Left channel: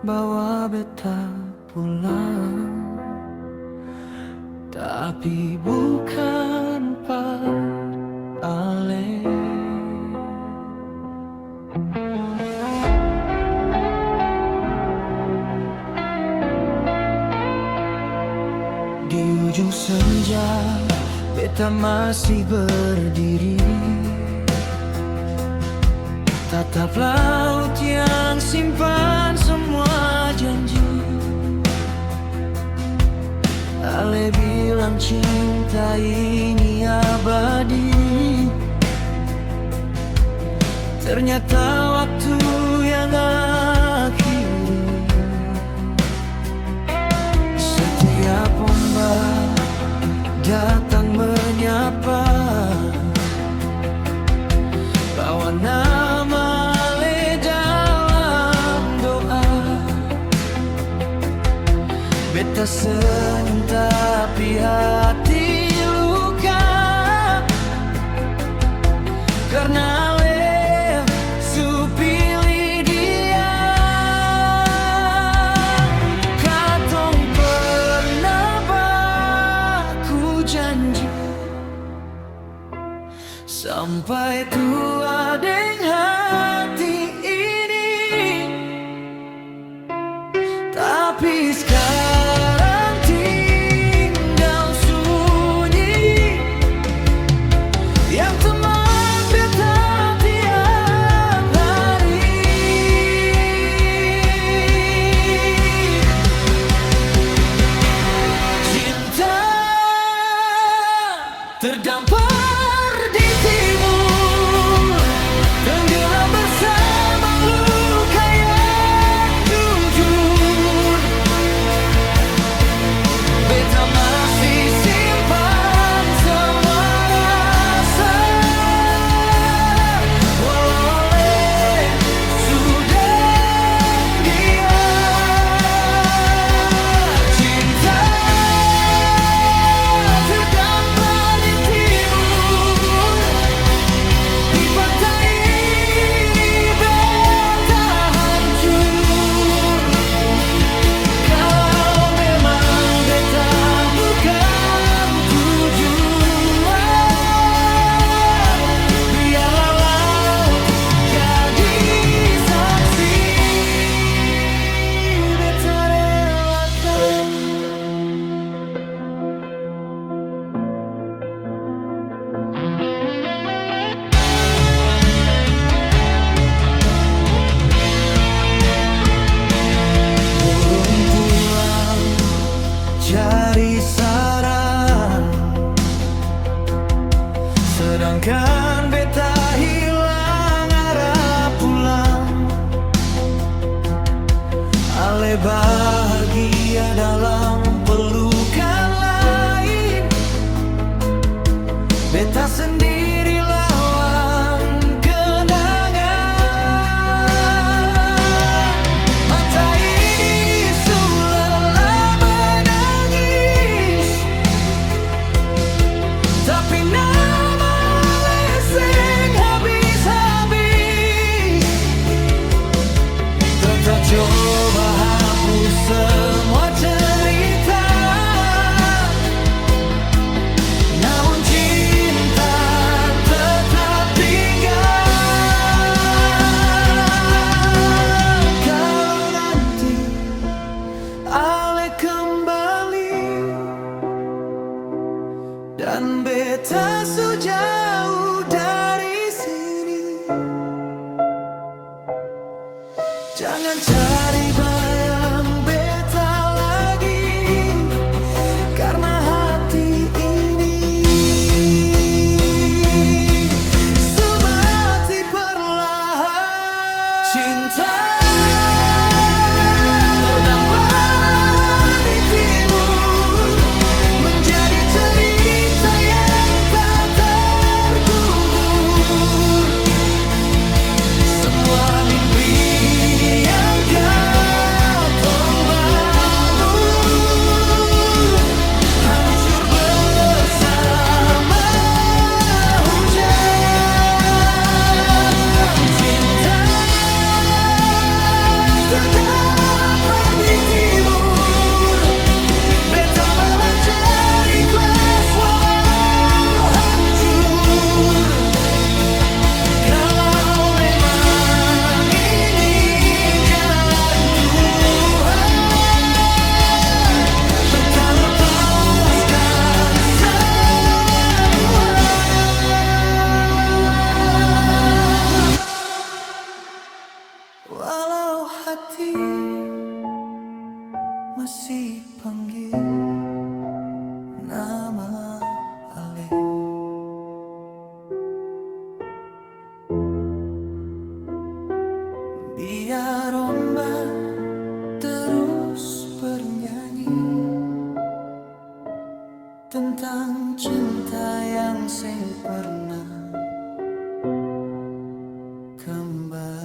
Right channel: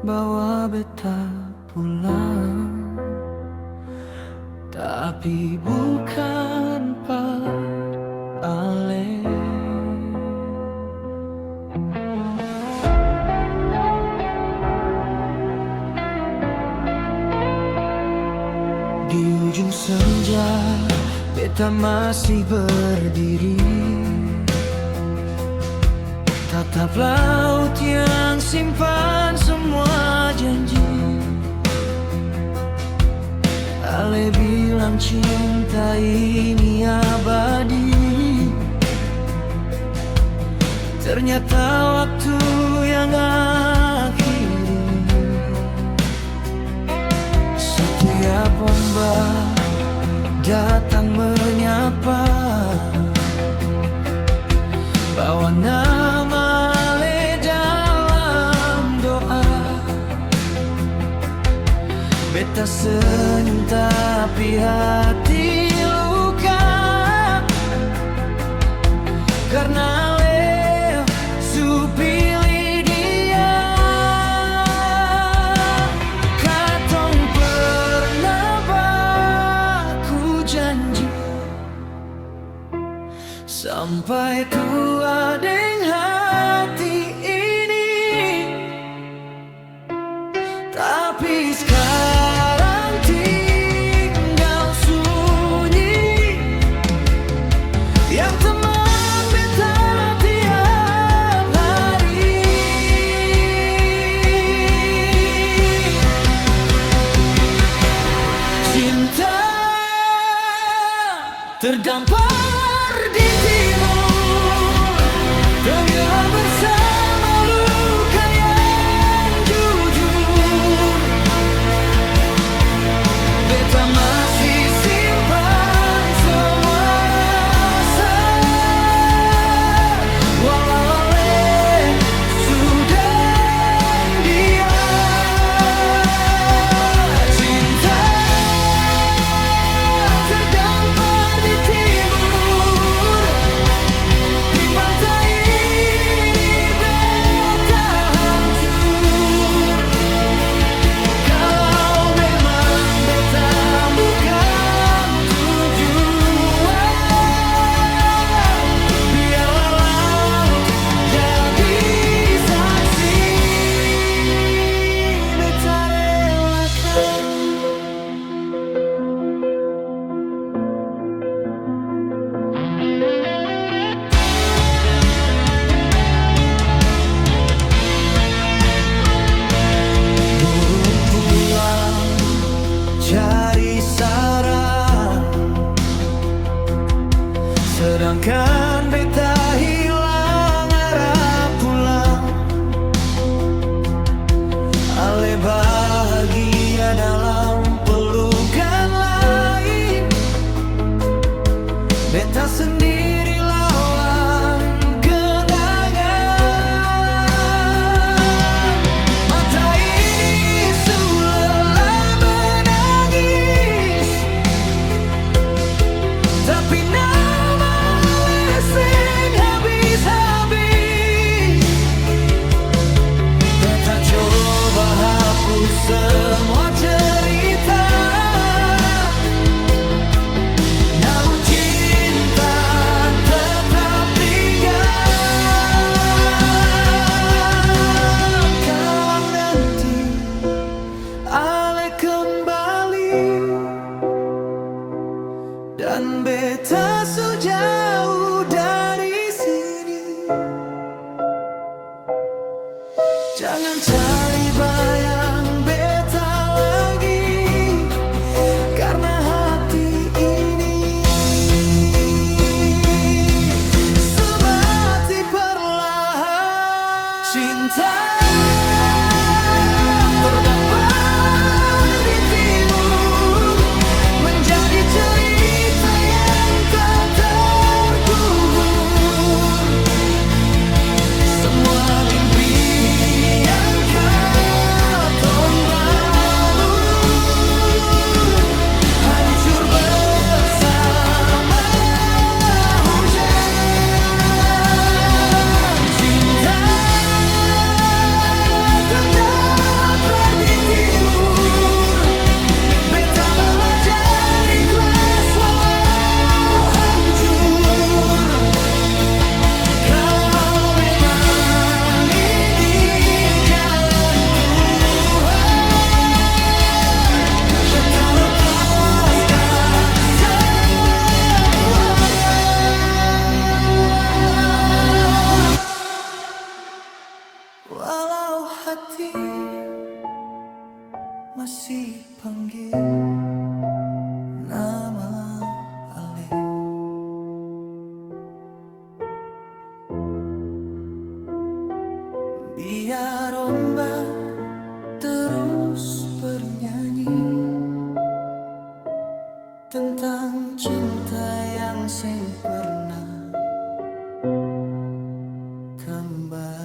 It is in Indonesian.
bawa beta pulang, tapi bukan Pak Ale. Di ujung senja, beta masih berdiri, tatap laut yang simpan semua janji. Ale bilang cinta ini abadi, ternyata waktu yang akhiri. Setiap ombak datang menyapa, bawa nama Ale dalam doa. Beta senyum tapi hati luka, karena Ale su pilih dia. Katong pernah baku janji, sampai tua deng hati ini. Tapi sekarang tinggal sunyi, yang teman beta tiap hari. Cinta terdampar di timur, tenggelam bersama luka yang jujur. Beta masih simpan semua rasa, walau Ale sudah dia. Cinta terdampar di timur, di pantai ini beta hancur. Kalau memang beta bukan tujuan, biarlah laut jadi saksi. Beta relakan. Burung pulang cari sarang, sedangkan beta hilang arah pulang. Ale bahagia dalam pelukan lain, beta sendiri lawan kenangan. Mata ini sudah menangis, tapi nama leseng habis-habis. Beta coba hapus semua cerita, namun cinta tetap tinggal. Kalau nanti Ale kembali dan beta sejauh dari sini, jangan cari bayang beta lagi, karena hati ini semati perlahan. Cinta terdampar di timur, menjadi cerita yang tak terkubur. Semua mimpi yang kau hati masih panggil nama Ale. Biar ombak terus bernyanyi tentang cinta yang seng pernah kembali.